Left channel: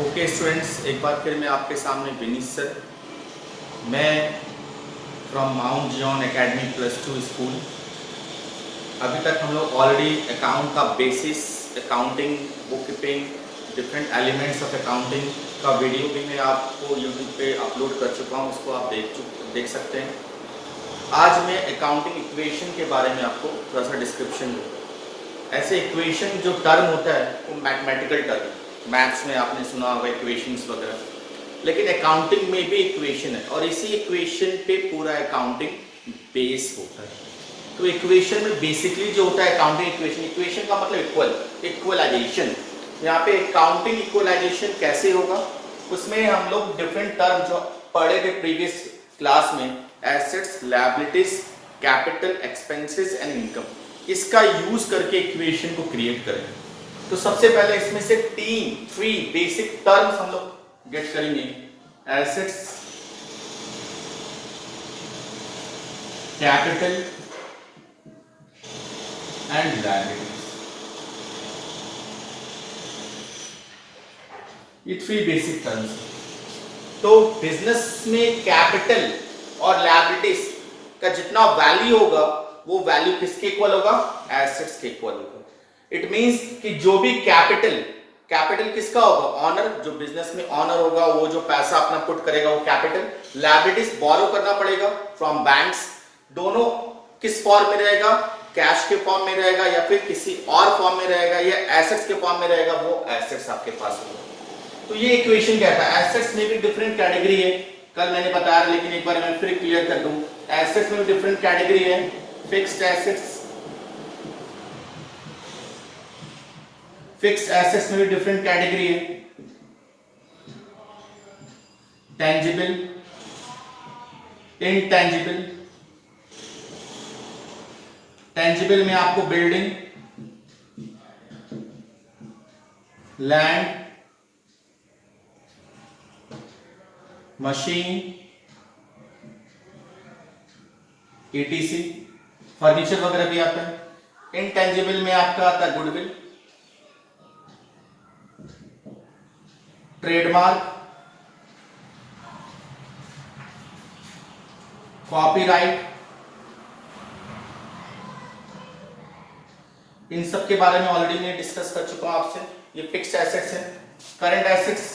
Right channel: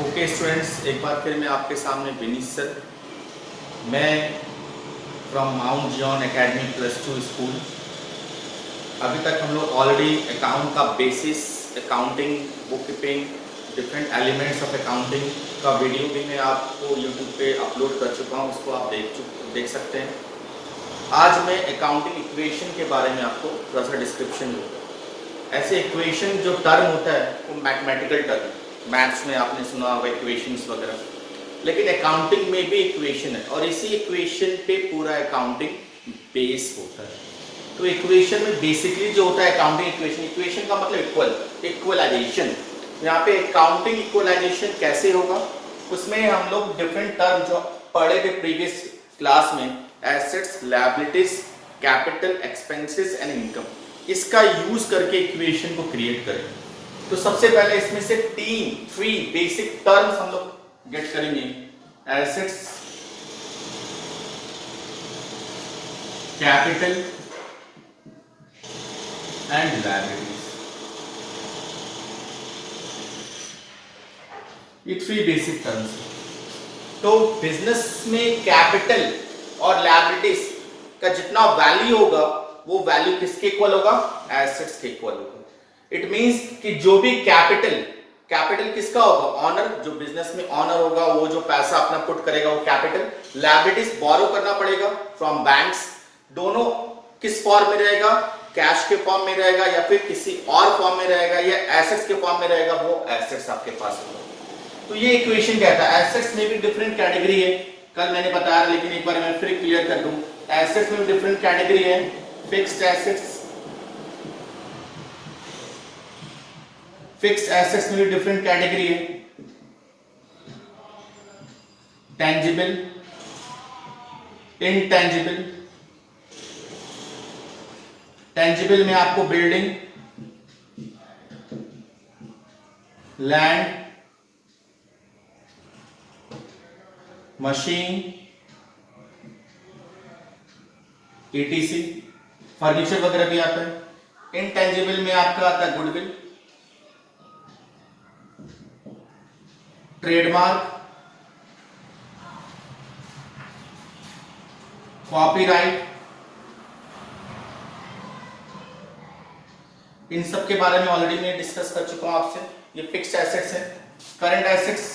Okay students, एक बार फिर मैं आपके सामने विनीत सर। मैं from Mount Zion academy +2 school. अभी तक हम लोग ऑलरेडी अकाउंट का basis, accounting, book keeping, different elements of accounting का वीडियो भी मैं आपको यूट्यूब पे अपलोड कर चुका हूँ। उसको आप देख सकते हैं। आज मैं अकाउंटिंग इक्वेशन के बारे में आपको थोड़ा सा डिस्क्रिप्शन दूँगा। ऐसे इक्वेशन जो टर्म होता है वो मैथमेटिकल टर्म, मैथ्स में आपने सुना होगा इक्वेशंस वगैरह, लेकिन अकाउंटिंग में भी इक्वेशन है और इसी इक्वेशन पे पूरा अकाउंटिंग बेस होता है। तो इक्वेशन में बेसिकली जो होता है अकाउंटिंग इक्वेशन का मतलब इक्वलाइजेशन। यहाँ पे अकाउंटिंग इक्वलाइजेशन कैसे होगा, उसमें हम लोग डिफरेंट टर्म जो पढ़े थे प्रीवियस क्लास में, assets, liabilities, capital, expenses and income, इसका यूज करके इक्वेशन को क्रिएट करें। तो सबसे पहले इसमें से थ्री बेसिक टर्म्स हम लोग गेट करेंगे। एसेट्स, कैपिटल एंड लायबिलिटीज, ये थ्री बेसिक टर्म्स। तो बिजनेस में कैपिटल और लायबिलिटीज का जितना वैल्यू होगा वो वैल्यू किसके इक्वल होगा? एसेट्स के इक्वल होगा। इट मींस कि जो भी कैपिटल किसका होगा? ऑनर, जो बिजनेस में ऑनर होगा वो जो पैसा अपना पुट करेगा वो कैपिटल। लायबिलिटीज बोरो करना पड़ेगा फ्रॉम बैंक्स। दोनों किस फॉर्म में रहेगा? कैश के फॉर्म में रहेगा या फिर किसी और फॉर्म में रहेगा या एसेट्स के फॉर्म में रहेगा, वो एसेट्स आपके पास होगा। तो ये इक्वेशन क्या था? एसेट्स में भी डिफरेंट कैटेगरी है, कल मैंने बताया, लेकिन एक बार मैं फिर क्लियर कर दूं। एसेट्स में डिफरेंट कैटेगरी है। फिक्स्ड एसेट्स, फिक्स्ड एसेट्स में भी डिफरेंट कैटेगरी है। Tangible, intangible. टेंजिबल में आपको building, land, machine, ETC, furniture वगैरह भी आता है। इनटेंजिबल में आपका आता है गुडविल, ट्रेडमार्क, कॉपीराइट। इन सब के बारे में ऑलरेडी मैं डिस्कस कर चुका हूं आपसे। ये फिक्स्ड एसेट्स है। करंट एसेट्स,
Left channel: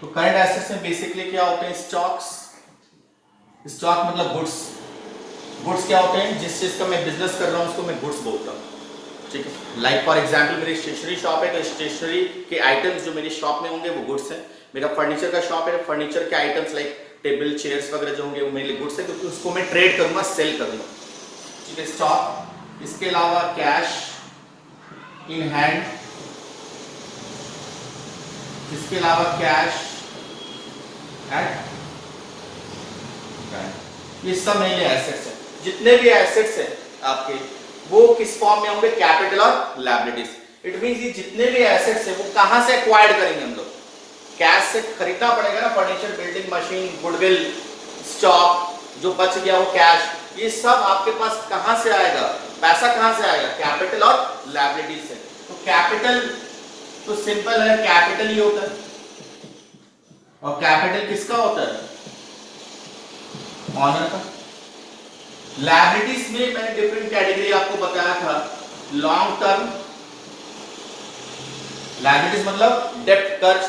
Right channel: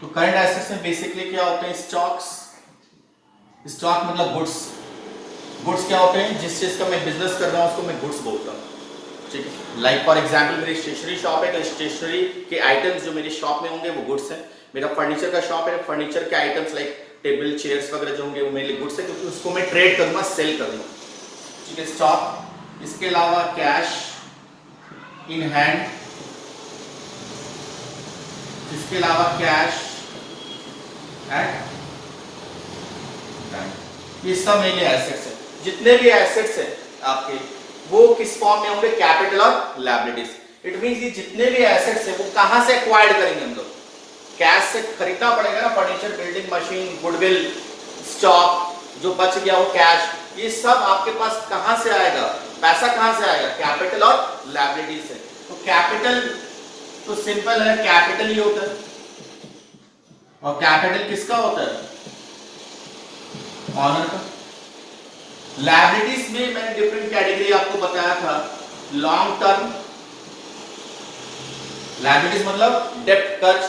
तो करंट एसेट्स में बेसिकली क्या होते हैं? स्टॉक्स। स्टॉक मतलब गुड्स। गुड्स क्या होते हैं? जिस चीज का मैं बिजनेस कर रहा हूं उसको मैं गुड्स बोलता हूं, ठीक है। लाइक फॉर एग्जांपल मेरी स्टेशनरी शॉप है तो स्टेशनरी के आइटम्स जो मेरी शॉप में होंगे वो गुड्स हैं। मेरा फर्नीचर का शॉप है, फर्नीचर के आइटम्स लाइक टेबल, चेयर्स वगैरह जो होंगे वो मेरे लिए गुड्स है, क्योंकि उसको मैं ट्रेड करूंगा, सेल करूंगा, ठीक है। स्टॉक। इसके अलावा कैश इन हैंड, इसके अलावा कैश एट बैंक, ये सब मेरे लिए एसेट्स है। जितने भी एसेट्स हैं आपके वो किस फॉर्म में होंगे? कैपिटल और लायबिलिटीज। इट मींस ये जितने भी एसेट्स हैं वो कहां से एक्वायर्ड करेंगे हम लोग? कैश से खरीदना पड़ेगा ना, furniture, building, machine, goodwill, stock, जो बच गया वो कैश। ये सब आपके पास कहां से आएगा? पैसा कहां से आएगा? कैपिटल और लायबिलिटीज से। तो कैपिटल तो सिंपल है, कैपिटल ही होता है। और कैपिटल किसका होता है? ऑनर का। लायबिलिटीज में मैंने डिफरेंट कैटेगरी आपको बताया था। लॉन्ग टर्म लायबिलिटीज मतलब डेब्ट, कर्ज।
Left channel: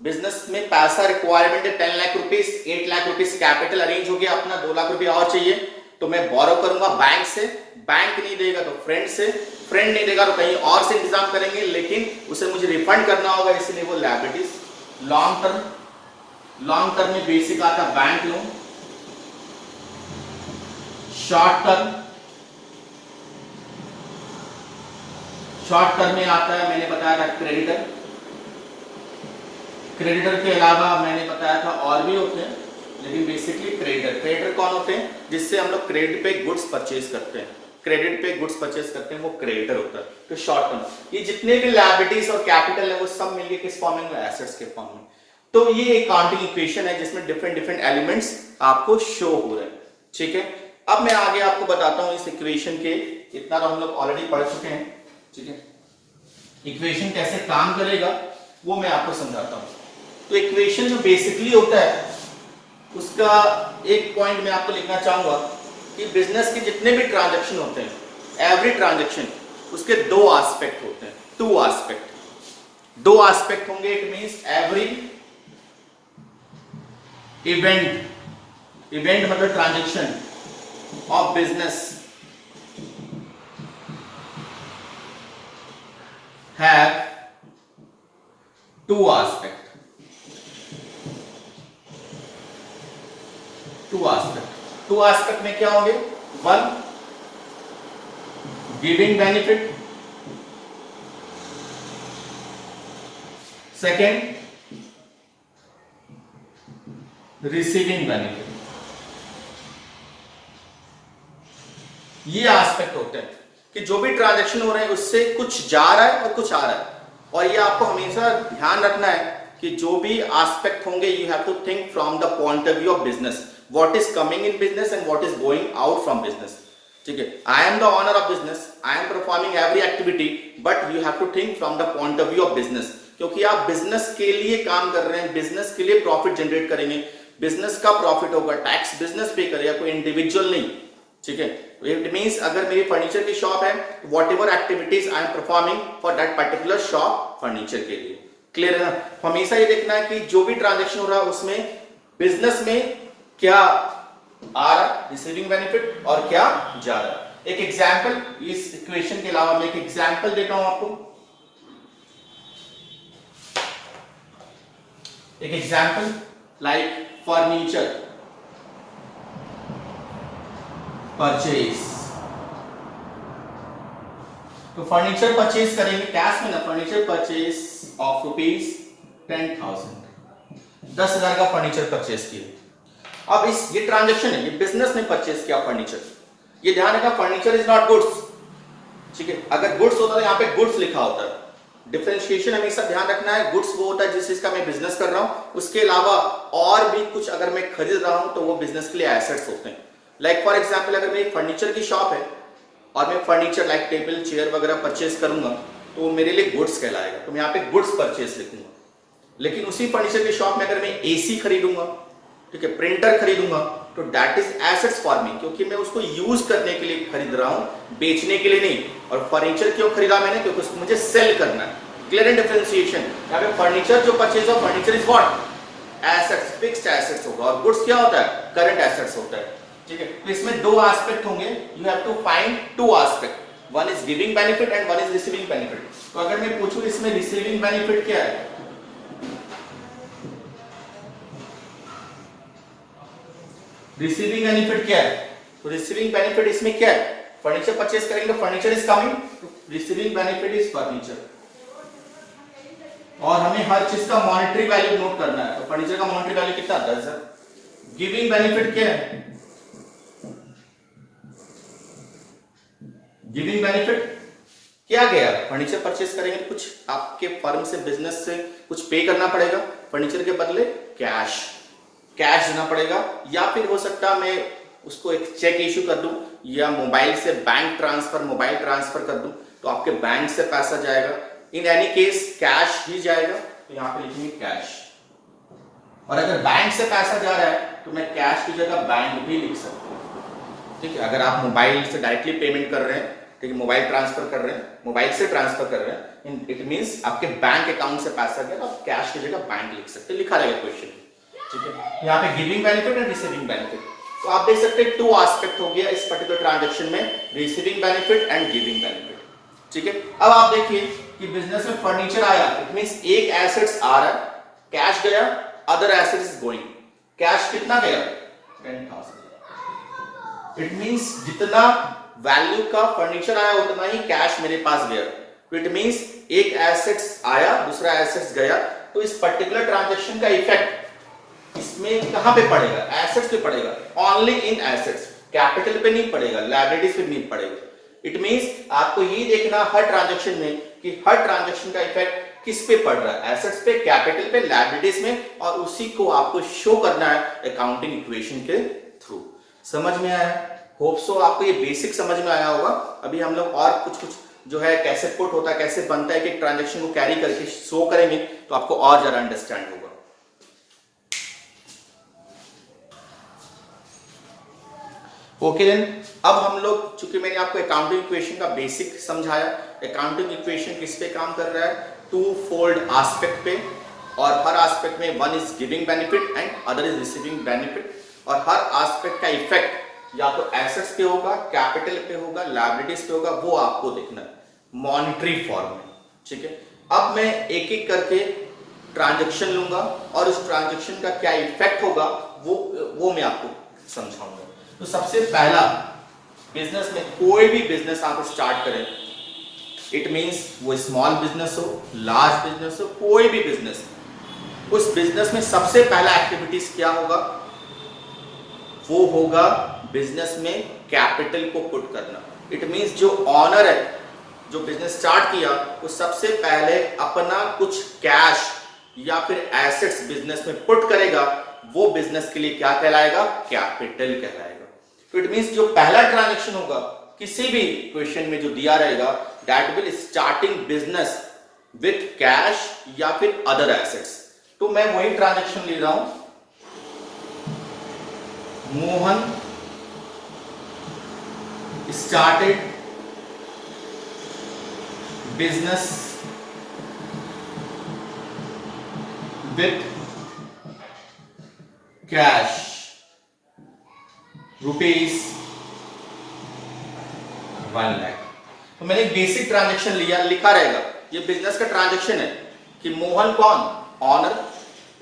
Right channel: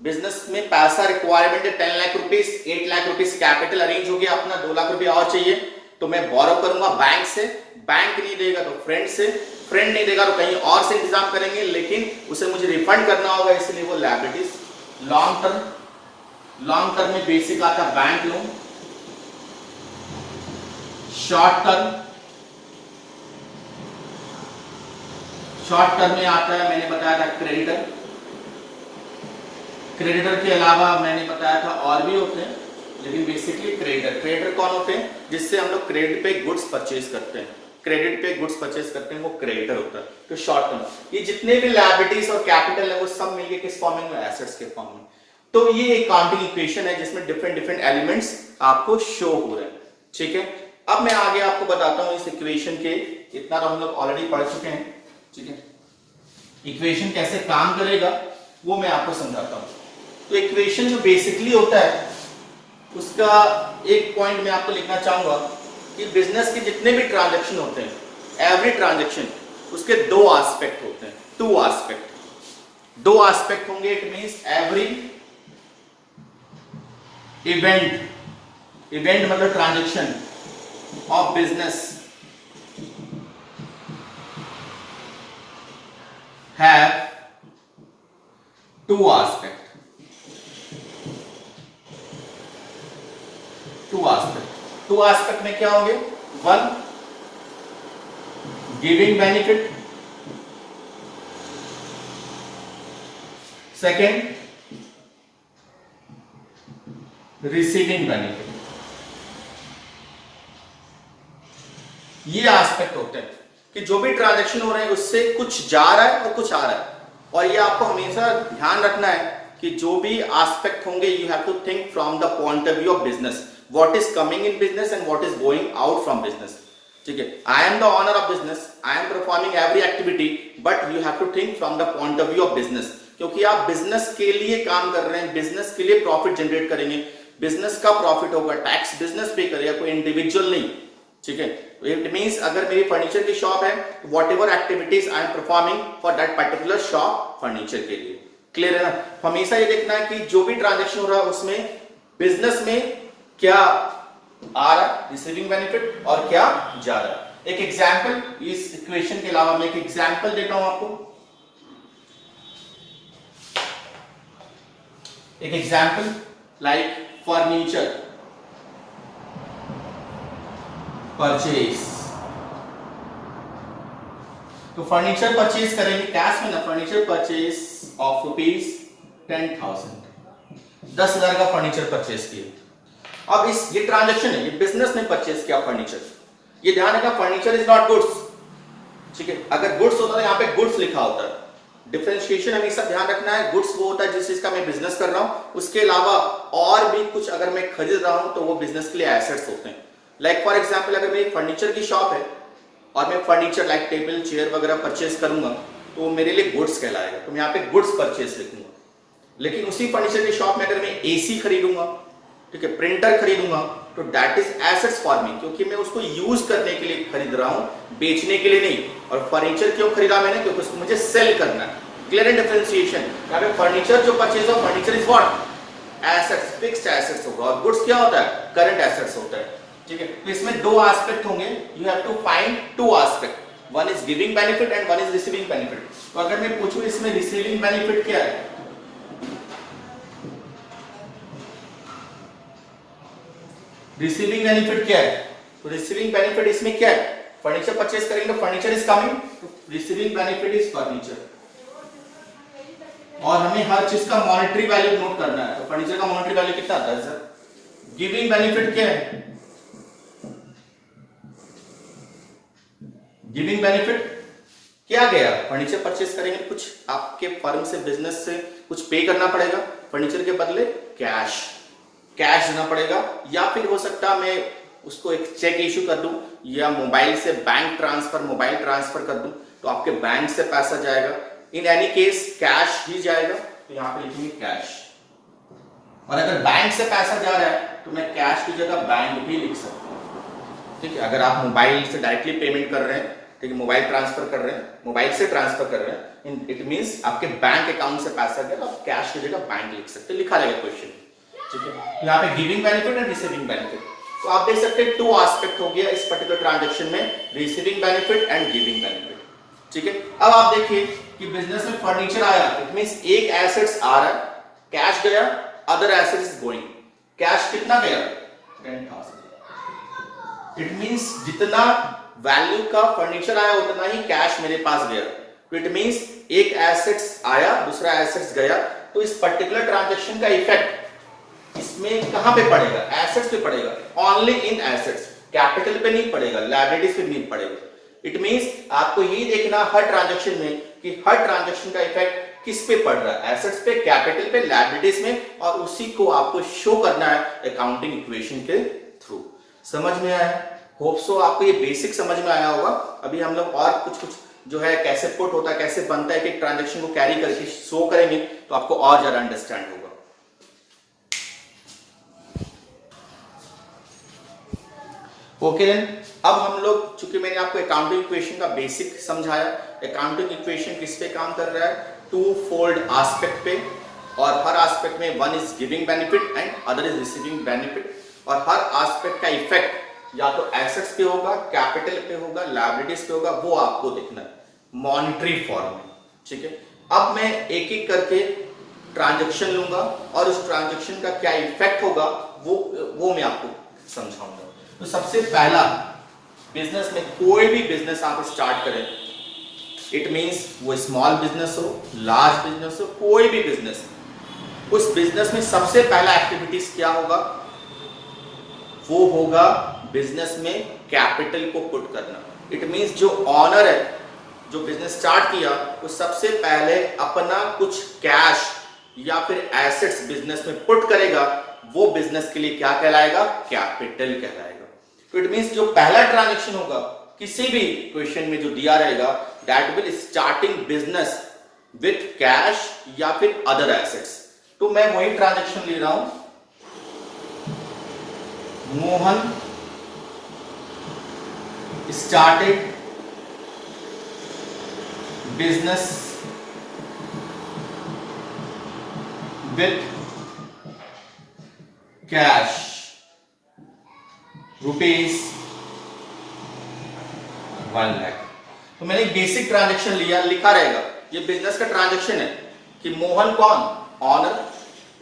बिजनेस में पैसा रिक्वायरमेंट है 10 lakh rupees, 8 lakh rupees capital arrange हो गया अपना, 2 लाख रुपया और चाहिए तो मैं बोरो करूंगा बैंक से। बैंक नहीं देगा तो फ्रेंड से, फ्रेंड नहीं देगा तो कहीं और से इंतजाम करेंगे, लेकिन उसे मुझे रिफंड करना होगा, इसलिए वो लायबिलिटीज। लॉन्ग टर्म में बेसिक आता है बैंक लोन। शॉर्ट टर्म में आता है, मैंने बताया था क्रेडिटर। क्रेडिटर के अलावा मैंने बताया था और भी होते हैं, लेकिन बेसिकली क्रेडिटर कौन होते हैं? जिससे हम लोग क्रेडिट पे गुड्स परचेज करते हैं, क्रेडिट पे गुड्स परचेज करते हैं, वो क्रेडिटर होता है। तो शॉर्ट टर्म, ये जितने भी लायबिलिटीज और कैपिटल है वो सब मिलके किस फॉर्म में? एसेट्स के फॉर्म में। तो ये अकाउंटिंग इक्वेशन है जिसमें डिफरेंट एलिमेंट्स आपको शो हो रहे हैं, ठीक है। अब मैं आगे आपको बताता हूं इस इक्वेशन के, इतना तो हम लोग ऑलरेडी पढ़ चुके हैं। ठीक है। इक्वेशन कैसे काम करेगा वो मैं आपको समझाता हूं। तो इक्वेशन जो बेसिकली होता है उसका एक पॉइंट मैं आपको लिखना चाहूंगा कि बिजनेस के जितने भी ट्रांजैक्शन होते हैं, एवरी ट्रांजैक्शन, उसके दो एस्पेक्ट होते हैं, टू एस्पेक्ट, दो एस्पेक्ट होंगे। इट मींस एवरी इवेंट मतलब transaction of business have two aspect में क्या होंगे? One, giving benefit, second, receiving benefit. ये एस्पेक्ट होते हैं कि जो भी ट्रांजैक्शन हो रहा है उससे कुछ जा रहा है और कुछ आ रहा है। और ये आपको हमेशा ध्यान रखना है कि जो भी एस्पेक्ट होंगे you have to think from the point of view of business, what is coming in business and what is going out from business. ठीक है, I am the owner of business, I am performing every activity, but you have to think from the point of view of business, क्योंकि आप business के लिए काम कर रहे हैं, बिजनेस के लिए प्रॉफिट जनरेट करेंगे, बिजनेस का प्रॉफिट होगा, टैक्स बिजनेस पे करेगा, कोई इंडिविजुअल नहीं। ठीक है, इट मींस अगर मेरी फर्नीचर की शॉप है, what ever activities I am performing for that particular shop furniture के लिए। क्लियर है ना? हमेशा ये देखना है कि जो भी ट्रांजैक्शन हो रहा है उसमें बिजनेस में क्या आ रहा है, रिसीविंग बेनिफिट, और क्या जा रहा है। एक एग्जाम्पल, इस इक्वेशन के अलावा मैं एक एग्जाम्पल देता हूं आपको। एक एग्जाम्पल लाइक फर्नीचर परचेज। तो फर्नीचर परचेज करेंगे कैश में ना, फर्नीचर परचेज ऑफ ₹10,000, 10,000 का फर्नीचर परचेज किए। अब इस ये ट्रांजैक्शन है, ये बिजनेस ने परचेज किया फर्नीचर। ये ध्यान रखना, फर्नीचर इज नॉट गुड्स। ठीक है, अगर गुड्स होता है यहाँ पे गुड्स लिखा होता है। डिफरेंशिएशन हमेशा ध्यान रखना है, गुड्स वो होता है जिस चीज का मैं बिजनेस कर रहा हूं, उसके अलावा और भी कुछ अगर मैं खरीद रहा हूं तो वो बिजनेस के लिए एसेट्स होते हैं। लाइक फॉर एग्जाम्पल, अगर मेरी फर्नीचर की शॉप है और मैं फर्नीचर लाइक टेबल चेयर वगैरह परचेज करूंगा तो वो मेरे लिए गुड्स कहलाएगा, तो मैं यहाँ पे गुड्स परचेज लिखूंगा। लेकिन उसी फर्नीचर की शॉप में अगर मैं एसी खरीदूंगा, ठीक है, प्रिंटर खरीदूंगा, तो that is assets for me, क्योंकि मैं उसको यूज करने के लिए खरीद रहा हूं, बेचने के लिए नहीं। और फर्नीचर क्यों खरीदा मैंने? क्योंकि उसको मुझे सेल करना है। Clear and differentiation. यहाँ पे फर्नीचर जो परचेज हो, furniture is what? Assets, fixed assets होगा, और गुड्स क्या होता है? करंट एसेट्स होता है। ठीक है, तो इसमें दो एस्पेक्ट होंगे, you have to find two aspect, one is giving benefit and one is receiving benefit. तो अगर मैं पूछूं इसमें रिसीविंग बेनिफिट क्या है, रिसीविंग बेनिफिट क्या है? तो रिसीविंग बेनिफिट इसमें क्या है? फर्नीचर परचेज करेंगे तो फर्नीचर इज कमिंग, तो रिसीविंग बेनिफिट इज फर्नीचर। और हमें हर चीज का मॉनेटरी वैल्यू नोट करना है, तो फर्नीचर का मॉनेटरी वैल्यू कितना? 10,000। गिविंग बेनिफिट क्या है? गिविंग बेनिफिट क्या गया? फर्नीचर परचेज करेंगे तो कुछ आपके फर्म से, बिजनेस से कुछ पे करना पड़ेगा, फर्नीचर के बदले कैश देना पड़ेगा, या फिर हो सकता है मैं उसको एक चेक इश्यू कर दूं, या मोबाइल से बैंक ट्रांसफर, मोबाइल ट्रांसफर कर दूं तो आपके बैंक से पैसा जाएगा। इन एनी केस कैश ही जाएगा, तो यहां पे लिखेंगे कैश। और अगर बैंक से पैसा जा रहा है तो मैं कैश की जगह बैंक भी लिख सकता हूं। ठीक है, अगर आप मोबाइल से डायरेक्टली पेमेंट कर रहे हैं, ठीक है, मोबाइल ट्रांसफर कर रहे हैं, मोबाइल से ट्रांसफर कर रहे हैं, इट मींस आपके बैंक अकाउंट से पैसा गया, तो आप कैश की जगह बैंक लिख सकते हैं, लिखा रहेगा क्वेश्चन। ठीक है, यहाँ पे giving benefit and receiving benefit. तो आप देख सकते हैं टू एस्पेक्ट हो गया इस पर्टिकुलर ट्रांजैक्शन में, receiving benefit and giving benefit. ठीक है, अब आप देखिए कि बिजनेस में फर्नीचर आया, इट मींस एक एसेट्स आ रहा है, कैश गया, other assets is going. Cash कितना गया? 10,000। इट मींस जितना वैल्यू का फर्नीचर आया उतना ही कैश मेरे पास गया। तो इट मींस एक एसेट्स आया, दूसरा एसेट्स गया, तो इस पर्टिकुलर ट्रांजैक्शन का इफेक्ट इसमें कहां पे पड़ेगा? एसेट्स पे पड़ेगा, ओनली इन एसेट्स, कैपिटल पे नहीं पड़ेगा, लायबिलिटीज पे नहीं पड़ेगा। इट मींस आपको ये देखना हर ट्रांजैक्शन में कि हर ट्रांजैक्शन का इफेक्ट किस पे पड़ रहा है? एसेट्स पे, कैपिटल पे, लायबिलिटीज में, और उसी को आपको शो करना है अकाउंटिंग इक्वेशन के थ्रू। समझ में आया? होप सो आपको ये बेसिक समझ में आया होगा। अभी हम लोग और कुछ जो है कैसे पुट होता है, कैसे बनता है, कि ट्रांजेक्शन को कैरी करके शो करेंगे तो आपको और ज्यादा अंडरस्टैंड होगा। ओके देन, अब हम लोग, चूंकि मैंने आपको अकाउंटिंग इक्वेशन का बेसिक समझाया, अकाउंटिंग इक्वेशन किस पे काम कर रहा है, टू फोल्ड एस्पेक्ट पे, और हर एस्पेक्ट में one is giving benefit and other is receiving benefit, और हर एस्पेक्ट का इफेक्ट या तो एसेट्स पे होगा, कैपिटल पे होगा, लायबिलिटीज पे होगा, वो आपको देखना है मॉनिटरी फॉर्म में। ठीक है, अब मैं एक एक करके ट्रांजेक्शन लूंगा और उस ट्रांजेक्शन का क्या इफेक्ट होगा वो मैं आपको समझाऊंगा। तो सबसे पहला, बिजनेस में कोई भी बिजनेस आप स्टार्ट करें, इट मींस वो स्मॉल बिजनेस हो, लार्ज बिजनेस हो, कोई भी बिजनेस, उस बिजनेस में सबसे पहला एक्टिविटीज क्या होगा, वो होगा बिजनेस में कैपिटल को पुट करना। इट मींस जो ऑनर है, जो बिजनेस स्टार्ट किया, वो सबसे पहले अपना कुछ कैश या फिर एसेट्स बिजनेस में पुट करेगा, वो बिजनेस के लिए क्या कहलाएगा, कैपिटल कहलाएगा। तो इट मींस जो पहला ट्रांजैक्शन होगा किसी भी क्वेश्चन में जो दिया रहेगा, that will starting business with cash या फिर अदर एसेट्स। तो मैं वही ट्रांजैक्शन ले रहा हूं, Mohan started business with cash rupees 1 lakh. तो मैंने एक बेसिक ट्रांजैक्शन लिया, लिखा रहेगा ये बिजनेस का ट्रांजैक्शन है कि मोहन कौन, ऑनर,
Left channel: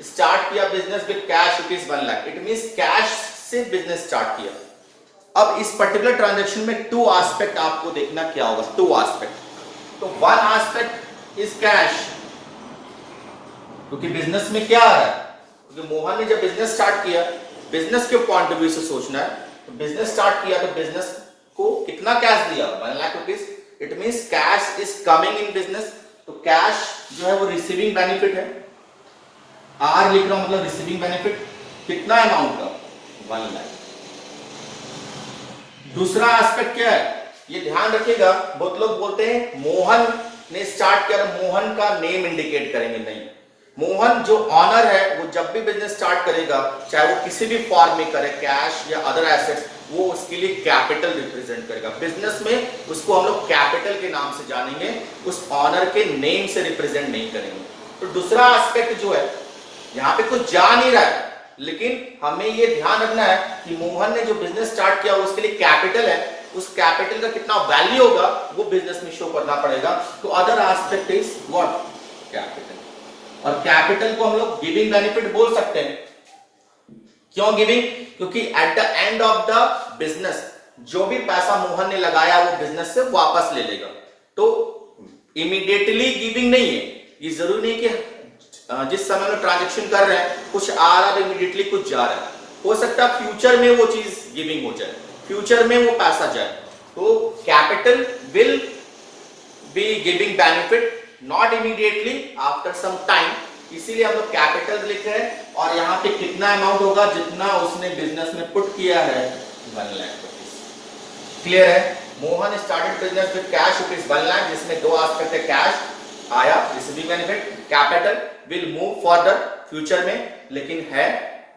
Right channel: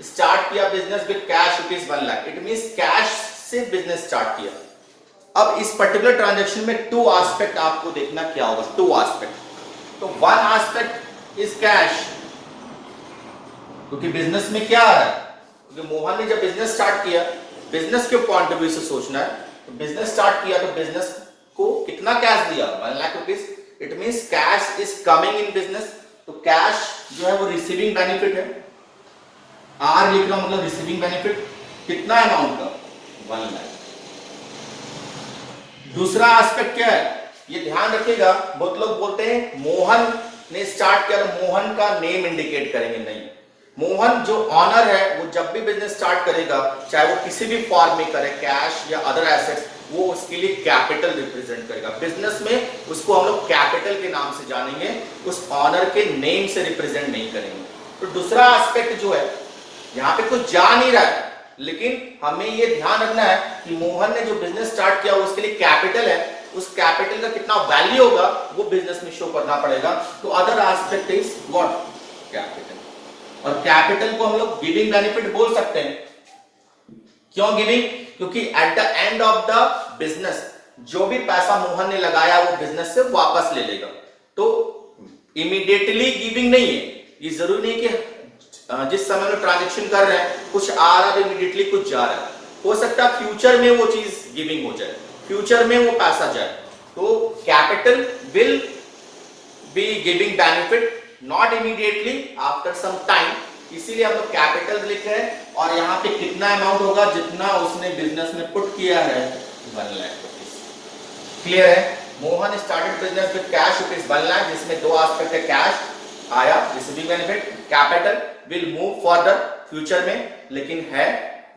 स्टार्ट किया business with cash rupees 1 lakh. It means cash से बिजनेस स्टार्ट किया। अब इस पर्टिकुलर ट्रांजैक्शन में टू एस्पेक्ट आपको देखना क्या होगा, टू एस्पेक्ट। तो वन एस्पेक्ट इज कैश, क्योंकि बिजनेस में क्या आ रहा है, जो मोहन ने जब बिजनेस स्टार्ट किया, बिजनेस के पॉइंट ऑफ व्यू से सोचना है। तो बिजनेस स्टार्ट किया तो बिजनेस को कितना कैश दिया, 1 lakh rupees. It means cash is coming in business. तो कैश जो है वो रिसीविंग बेनिफिट है, आर लिख रहा हूं, मतलब रिसीविंग बेनिफिट कितना अमाउंट का, 1 लाख। दूसरा एस्पेक्ट क्या है, ये ध्यान रखिएगा, बहुत लोग बोलते हैं मोहन ने स्टार्ट किया तो मोहन का नेम इंडिकेट करेंगे, नहीं। मोहन जो ऑनर है, वो जब भी बिजनेस स्टार्ट करेगा, चाहे वो किसी भी फॉर्म में करे, कैश या अदर एसेट्स, वो उसके लिए कैपिटल रिप्रेजेंट करेगा। बिजनेस में उसको हम लोग कैपिटल के नाम से जानेंगे, उस ऑनर के नेम से रिप्रेजेंट नहीं करेंगे। तो दूसरा एस्पेक्ट जो है, यहाँ पे कुछ जा नहीं रहा है, लेकिन हमें ये ध्यान रखना है कि मोहन ने जो बिजनेस स्टार्ट किया उसके लिए कैपिटल है, उस कैपिटल का कितना वैल्यू होगा वो बिजनेस में शो करना पड़ेगा। तो other aspect is what, capital. और कैपिटल को हम लोग गिविंग बेनिफिट बोल सकते हैं। क्यों गिविंग, क्योंकि at the end of the business जो भी पैसा मोहन ने लगाया वो बिजनेस से वापस ले लेगा। तो इमीडिएटली गिविंग नहीं है, ये जरूरी नहीं कि जिस समय में ट्रांजैक्शन कर रहे हैं कुछ आ रहा है इमीडिएटली कुछ जा रहा है, हो सकता है फ्यूचर में वो चीज गिविंग हो जाए, फ्यूचर में वो पैसा जाए। तो capital will be giving benefit not immediately, after some time. इसीलिए हम लोग कैपिटल लिख रहे हैं, और यहाँ पे कितना अमाउंट होगा, जितना उसने बिजनेस में पुट किया है, 1 लाख रुपीज। क्लियर है। Mohan started business with cash rupees 1 lakh, जिसमें दो एस्पेक्ट है, कैश आया, receiving benefit, capital will move further future में, लेकिन है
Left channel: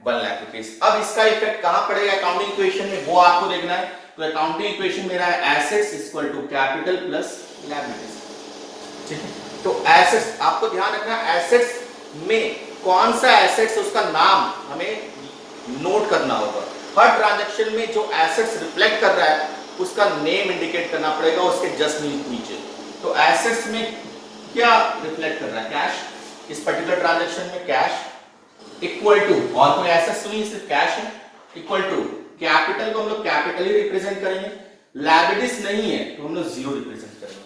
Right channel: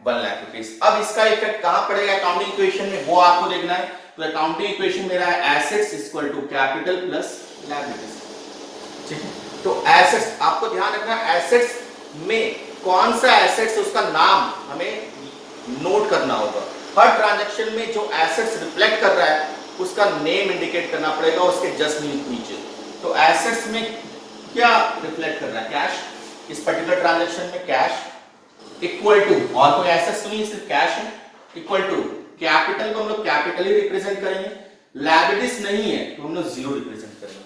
1 लाख रुपीज। अब इसका इफेक्ट कहां पड़ेगा अकाउंटिंग इक्वेशन में, वो आपको देखना है। तो अकाउंटिंग इक्वेशन मेरा है assets equal to capital plus liabilities. ठीक है, तो एसेट्स आपको ध्यान रखना, एसेट्स में कौन सा एसेट्स, उसका नाम हमें नोट करना होगा। हर ट्रांजैक्शन में जो एसेट्स रिफ्लेक्ट कर रहा है उसका नेम इंडिकेट करना पड़ेगा उसके जस्ट नीचे। तो एसेट्स में क्या रिफ्लेक्ट कर रहा है, कैश। इस पर्टिकुलर ट्रांजैक्शन में कैश इक्वल टू, और कोई एसेट्स नहीं, सिर्फ कैश है, इक्वल टू कैपिटल को हम लोग कैपिटल ही रिप्रेजेंट करेंगे, लायबिलिटीज नहीं है तो हम लोग 0 रिप्रेजेंट करेंगे।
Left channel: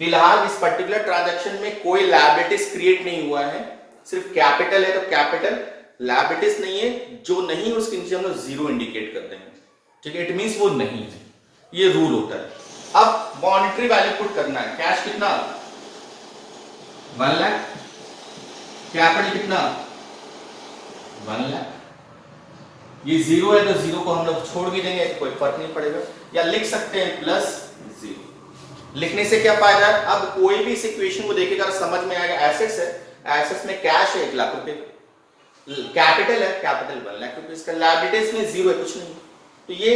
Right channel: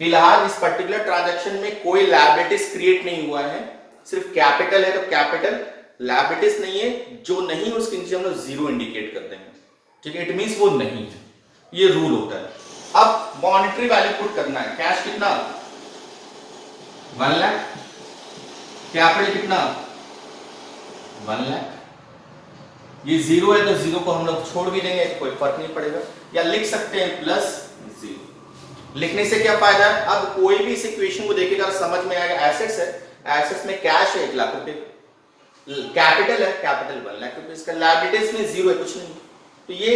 फिलहाल इस पर्टिकुलर ट्रांजैक्शन में कोई लायबिलिटीज क्रिएट नहीं हुआ है, सिर्फ कैपिटल है तो कैपिटल, लायबिलिटीज नहीं है, जो नहीं उसके नीचे हम लोग 0 इंडिकेट करते हैं। ठीक है, इट मींस वो नहीं है, ये रूल होता है। अब मॉनेटरी वैल्यू पुट करना है, कैश कितना, 1 लाख, कैपिटल कितना, 1 लाख। ये 0 है तो 0 को हम लोग छोड़ भी देंगे, कोई फर्क नहीं पड़ेगा, या लिख सकते हैं प्लस 0। लिखने से क्या फायदा है? अब कोई भी इस इक्वेशन को देखेगा समझ में आएगा। एसेट्स है, एसेट्स में कैश है 1 लाख रुपए, कैपिटल है, कैपिटल 1 लाख रुपए, इसका लायबिलिटीज में 0 है, कुछ नहीं। तो ये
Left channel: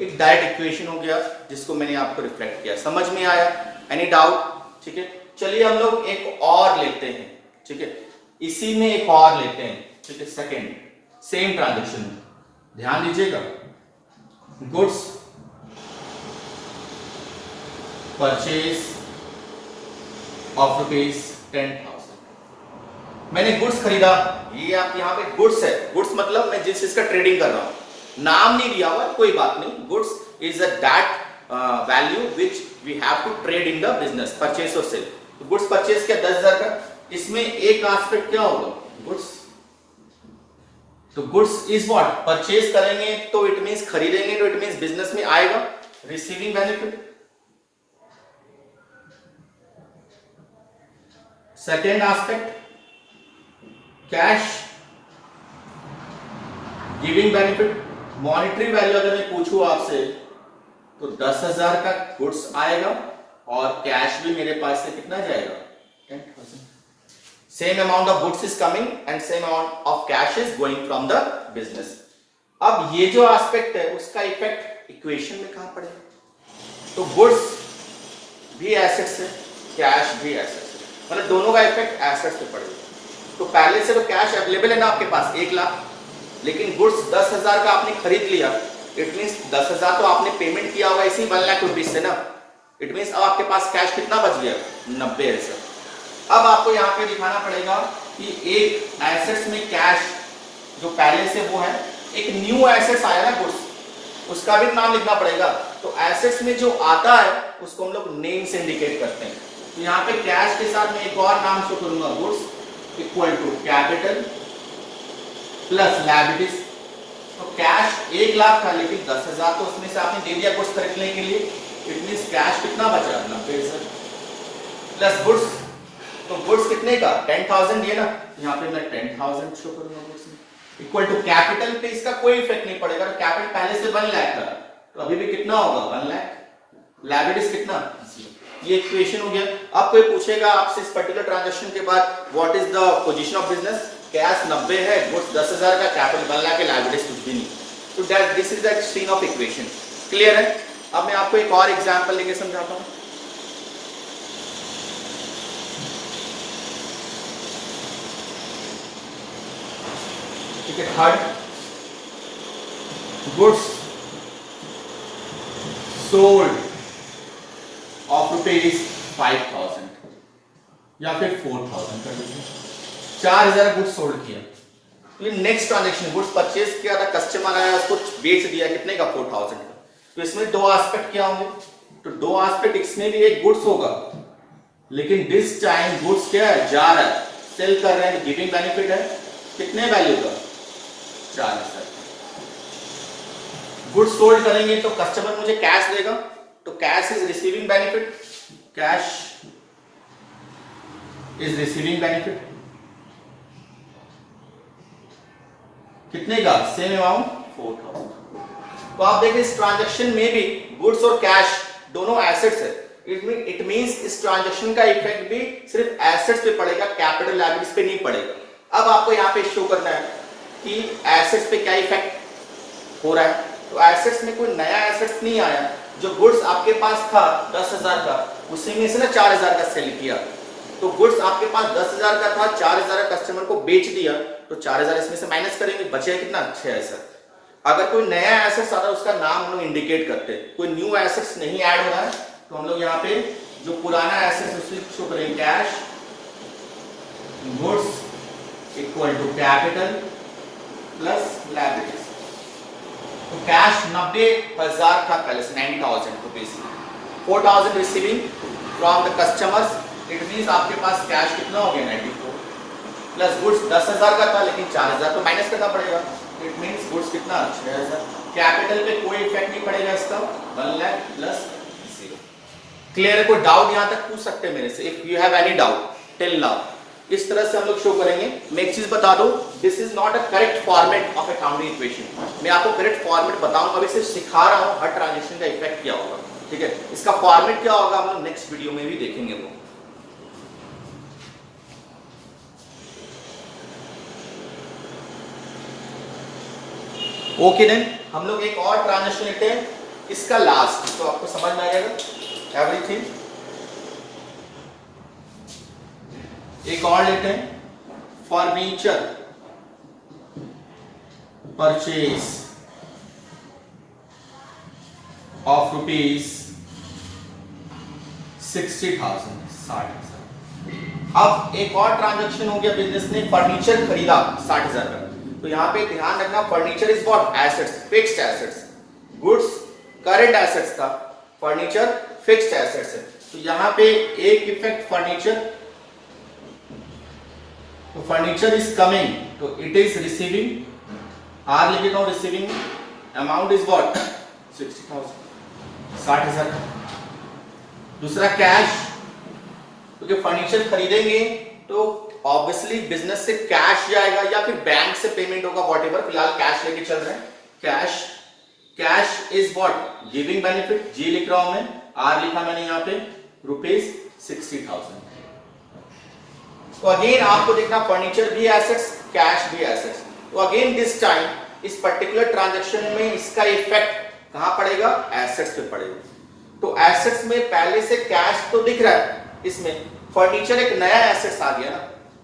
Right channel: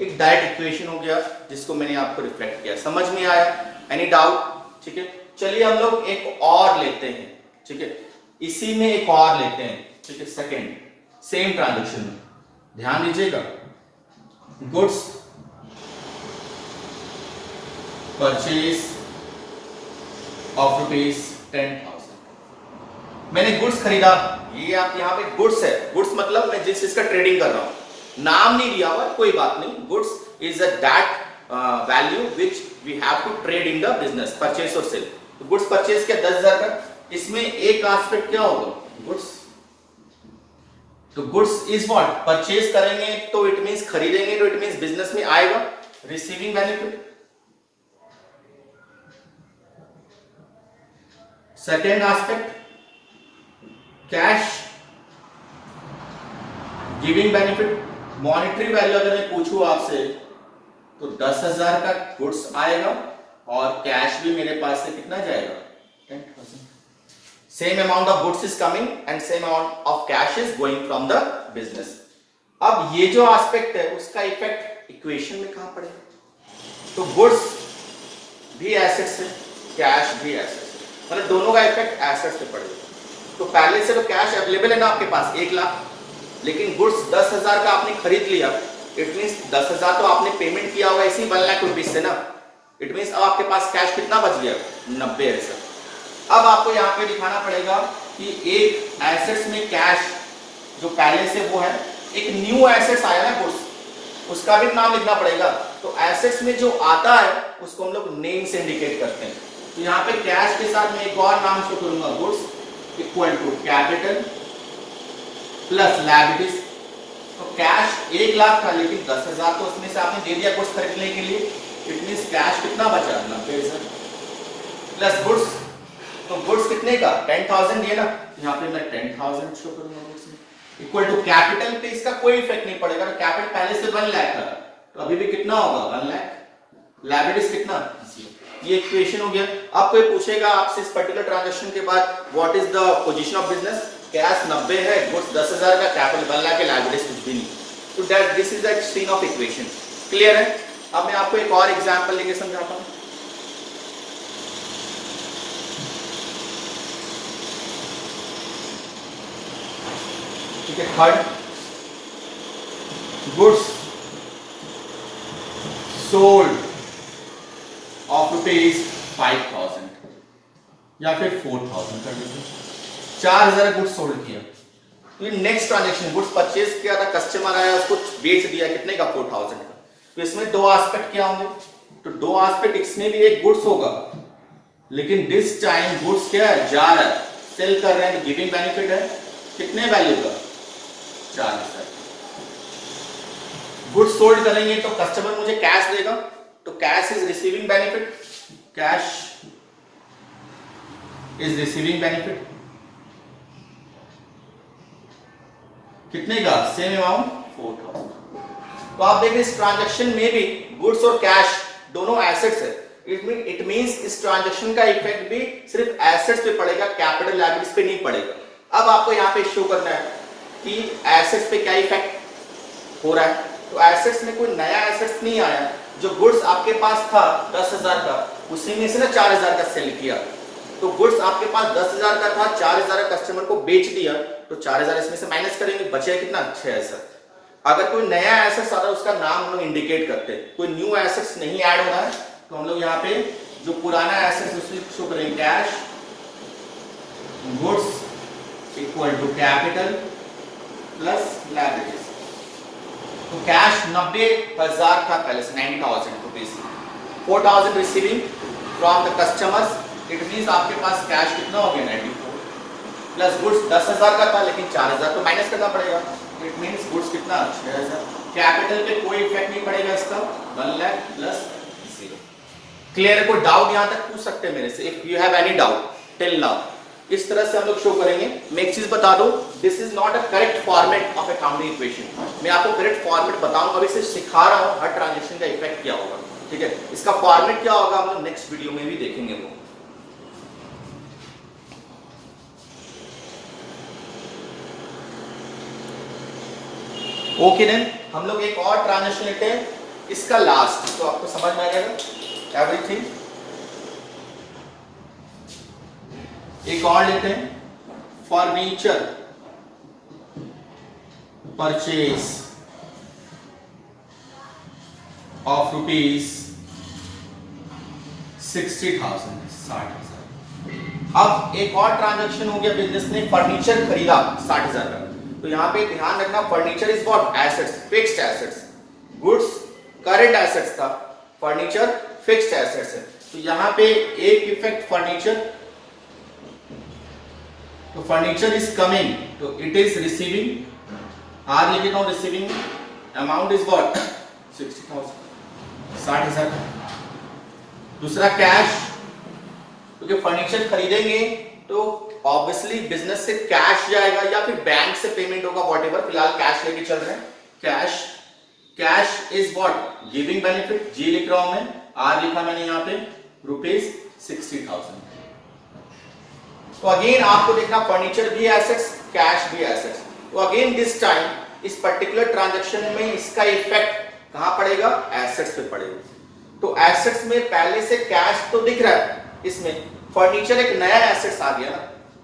एक डायरेक्ट इक्वेशन हो गया जिसको मैंने आपको रिफ्लेक्ट किया। समझ में आया? Any doubt? ठीक है, चलिए हम लोग एक और लेते हैं। ठीक है, इसी में एक और लेते हैं। ठीक है, सेकेंड सेम ट्रांजेक्शन, ध्यान दीजिएगा। Goods purchase of ₹10,000। मैंने गुड्स खरीदा, ये आप यहां पे गुड्स है। गुड्स मतलब मैं जिस चीज का ट्रेडिंग कर रहा हूं, नाम नहीं दिया हुआ, कोई बात नहीं। Goods is a that value which we have to trade in the business, purchase और सेल। तो गुड्स परचेज क्या 10,000 का, इसमें एक एस्पेक्ट क्या होगा? गुड्स। तो गुड्स इज व्हाट? परचेज करेंगे तो इट मींस खरीदेंगे तो इट मींस बिजनेस में आएगा receiving benefit. Second aspect cash giving benefit. Monetary value अगर मैं पूछूं आपसे तो 10,000 का गुड्स आएगा और कैश भी मेरे पास से कितना जाएगा? 10,000। Same amount of goods is coming and same amount of cash is going from the business. अब ये जो एस्पेक्ट है उसका इफेक्ट इक्वेशन में कहां पड़ेगा? तो गुड्स भी एसेट्स है, कैश भी एसेट्स है, मतलब दोनों का इफेक्ट एसेट्स पे पड़ेगा। तो पहले से तो कैश अवेलेबल है ना आपके पास 1 लाख, लेकिन गुड्स 10,000 का आपने खरीद लिया, इट मींस 10,000 तो आपने पेमेंट किया होगा इसी 1 लाख रुपीज से ना। इट मींस अब आपके पास कैश कितना बच गया? 90,000। अब आपको यहाँ पे दिखाना पड़ेगा कि एक एसेट्स में कैश जो पहले से वो है, एक न्यू एसेट्स आया ना गुड्स, उसका भी नाम लिखना पड़ेगा। तो एसेट्स में जो आता है उसको हम लोग नेम से इंडिकेट करते हैं। तो यहाँ पे कैश के साथ मैं एक और नाम शो करूंगा, goods equal to capital plus liabilities. तो कैश 1 लाख था लेकिन 10,000 तो उसमें से आपने दे दिया गुड्स खरीदने के लिए, इट मींस कैश कितना बचा? 90,000 प्लस गुड्स। तो गुड्स कितने का? 10,000 दिए ना, यहाँ पे मैं 10,000 शो करूंगा गुड्स में, इक्वल टू कैपिटल पे इसका कोई इफेक्ट नहीं पड़ेगा। कैपिटल पहले से 1 लाख था तो अभी भी कितना होगा? 1 लाख। लायबिलिटीज कितना? 0। ये इक्वेशन हो गया। अब कोई पूछेगा आपसे इस पर्टिकुलर ट्रांजैक्शन के बाद what is the position of business, cash 90 है, गुड्स 10,000 का, कैपिटल 1 लाख है, लायबिलिटीज कुछ भी नहीं। तो that this is the scene of equation. Clear है? अब मैं आपको एक और एग्जांपल लेके समझाता हूं। ठीक है, थर्ड गुड्स सोल्ड ऑफ ₹5,000 या फिर 4,000 कर लीजिए। 4,000 गुड्स सोल्ड किया। तो नेक्स्ट ट्रांजेक्शन गुड्स परचेज किया था, कस्टमर आया उसको बेच दिया, कितने का? 4,000 का। तो इसमें दो एस्पेक्ट क्या होंगे? तो दो एस्पेक्ट, इसमें भी एक गुड्स होगा लेकिन दिस टाइम गुड्स क्या है? जा रहा है, सेल कर रहे हैं, गिविंग बेनिफिट है, कितने वैल्यू का? 4,000। गुड्स सोल्ड करेंगे तो कस्टमर मुझे कैश देगा, तो cash is receiving benefit, cash is receiving benefit कितने का? Same amount 4,000। तो आप देखें इस ट्रांजैक्शन में भी गुड्स और कैश दोनों एसेट्स है। इट मींस इस ट्रांजैक्शन का इफेक्ट भी सिर्फ एसेट्स पे पड़ेगा, कैपिटल लायबिलिटीज पे नहीं पड़ेगा। अब आपको यहाँ पे शो करना है कि एसेट्स पे क्या इफेक्ट हो रहा है। तो एसेट्स में कोई नया एसेट्स नहीं आया, जो गुड्स आपके पास था 10,000 का, उसी में से ना 4,000 का सेल किया। तो गुड्स आपके पास 10,000 का था, 4,000 कस्टमर को बेच दिया, तो 4,000 इसमें से माइनस करेंगे, बचेगा कितना? 6,000। अगर कोई नया एसेट्स आ रहा है उसका नाम हम लोग इंडिकेट करते हैं। कोई न्यू एसेट्स नहीं ऐड हो रहा है तो हम लोग यहाँ पे जो पुराना एसेट्स उसको शो करेंगे, cash goods equal to capital plus liabilities. तो कैश 90,000 था पहले से, 90,000 rupees, 4,000 receiving from the customers, it means आपके पास कैश कितना हो गया? 94 प्लस गुड्स 10,000 का था लेकिन 4,000 तो माइनस करना पड़ेगा, इट मींस गुड्स कितना? 6,000। कैपिटल पे कोई इफेक्ट नहीं पड़ेगा इसका, 1 लाख प्लस 0। क्लियर? कोई डाउट यहां तक पूछ सकते हैं मेरे से, if you have any doubt till now. इस तरह से हम लोग शो करेंगे। मैं एक चीज बता दूं, this is not a correct format of accounting equation. मैं आपको करेक्ट फॉर्मेट बताऊंगा, अभी सिर्फ सिखा रहा हूं हर ट्रांजेक्शन का इफेक्ट क्या होगा। ठीक है, इसका फॉर्मेट क्या होगा हम लोग नेक्स्ट वीडियो में भी देखेंगे वो। ओके देन, हम लोग एक और ट्रांजेक्शन लेते हैं, इसका लास्ट, तो आपको समझ में आ जाएगा एवरीथिंग। एक और लेते हैं, फर्नीचर परचेज ऑफ रुपीज 60,000, 60,000। अब एक और ट्रांजेक्शन हो गया, बिजनेस ने फर्नीचर खरीदा 60,000 का। तो यहां पे ध्यान रखना, furniture is what, assets, fixed assets. Goods current assets था, फर्नीचर फिक्स्ड एसेट्स है। तो यहां पे एक इफेक्ट फर्नीचर, तो फर्नीचर इज कमिंग, तो इट इज रिसीविंग, आर लिख देता हूं रिसीविंग, अमाउंट इज व्हाट 60,000, 60,000। दूसरा कैश, क्योंकि फर्नीचर खरीदेंगे तो ऑब्वियसली बिजनेस से कैश जाएगा या फिर बैंक से पेमेंट होगा, व्हाटएवर, फिलहाल कैश लेके चल रहे हैं। Cash, cash is what giving benefit, जी लिख रहा हूं मैं, आर लिखा मैंने यहां पे, रुपीज 60,000। तो अगेन आपको देखना, फर्नीचर भी एसेट्स, कैश भी एसेट्स। तो अगेन दिस टाइम इस पर्टिकुलर ट्रांजेक्शन में इसका इफेक्ट कहां पड़ेगा, एसेट्स पे पड़ेगा। तो एसेट्स में पहले से कैश तो दिख रहा है, इसमें फर्नीचर एक नया एसेट्स आ गया ना,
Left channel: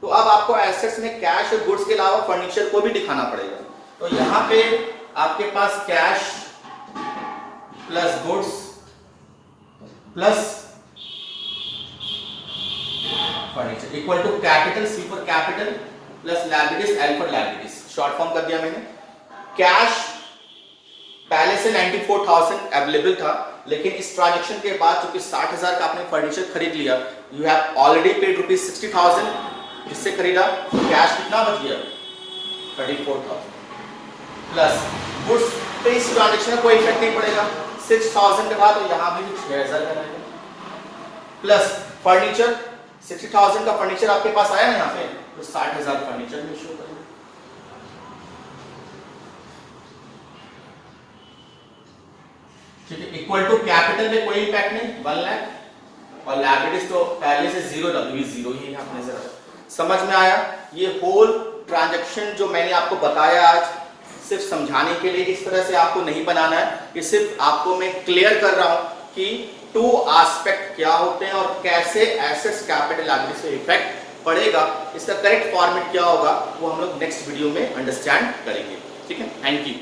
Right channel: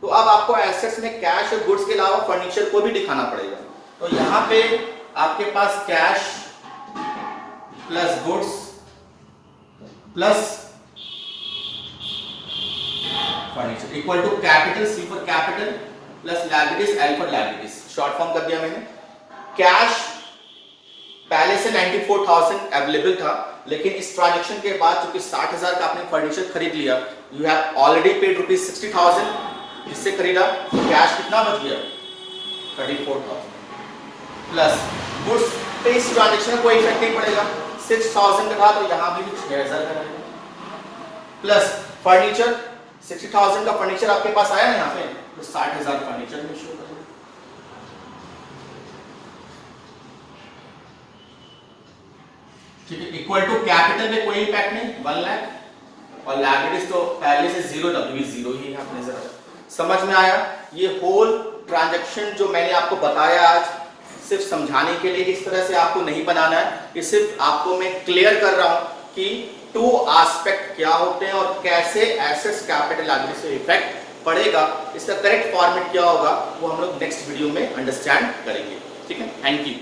तो अब आपको एसेट्स में कैश और गुड्स के अलावा फर्नीचर को भी दिखाना पड़ेगा। तो यहां पे आपके पास cash plus goods plus furniture equal to capital, C for capital, plus liabilities, L for liabilities, short form कर दिया मैंने। कैश पहले से 94,000 अवेलेबल था, लेकिन इस ट्रांजेक्शन के बाद चूंकि 60,000 का आपने फर्नीचर खरीद लिया, you have already paid rupees 60,000, इससे खरीदा, कैश कितना बच गया 34,000, प्लस गुड्स पे इस ट्रांजेक्शन का कोई इफेक्ट नहीं पड़ेगा, 6,000 का था तो यहां भी 6,000 का रहेगा, प्लस फर्नीचर 60,000 का फर्नीचर आपके पास आया है यहां पे, तो 60,000 फर्नीचर में शो करेगा। ठीक है, इक्वल टू कैपिटल में कोई इंपैक्ट नहीं, 1 लाख, और लायबिलिटीज तो पहले से जीरो, डब्ल्यू जीरो ही यहां पर नजर आ रहा है। समझ में आया? ये होल ट्रांजैक्शन जो मैंने आपको बताया आज, सिर्फ समझाने के लिए, इस तरह से आपको नहीं बनाना है, ये सिर्फ आपको मैं क्लियर कर रहा हूं कि टू एस्पेक्ट क्या होते हैं और कैसे एसेट्स कैपिटल लायबिलिटी से इफेक्ट पड़ेगा। इसका करेक्ट फॉर्मेट क्या होगा वो हम लोग नेक्स्ट वीडियो में अंडरस्टैंड करेंगे। ठीक है, थैंक यू।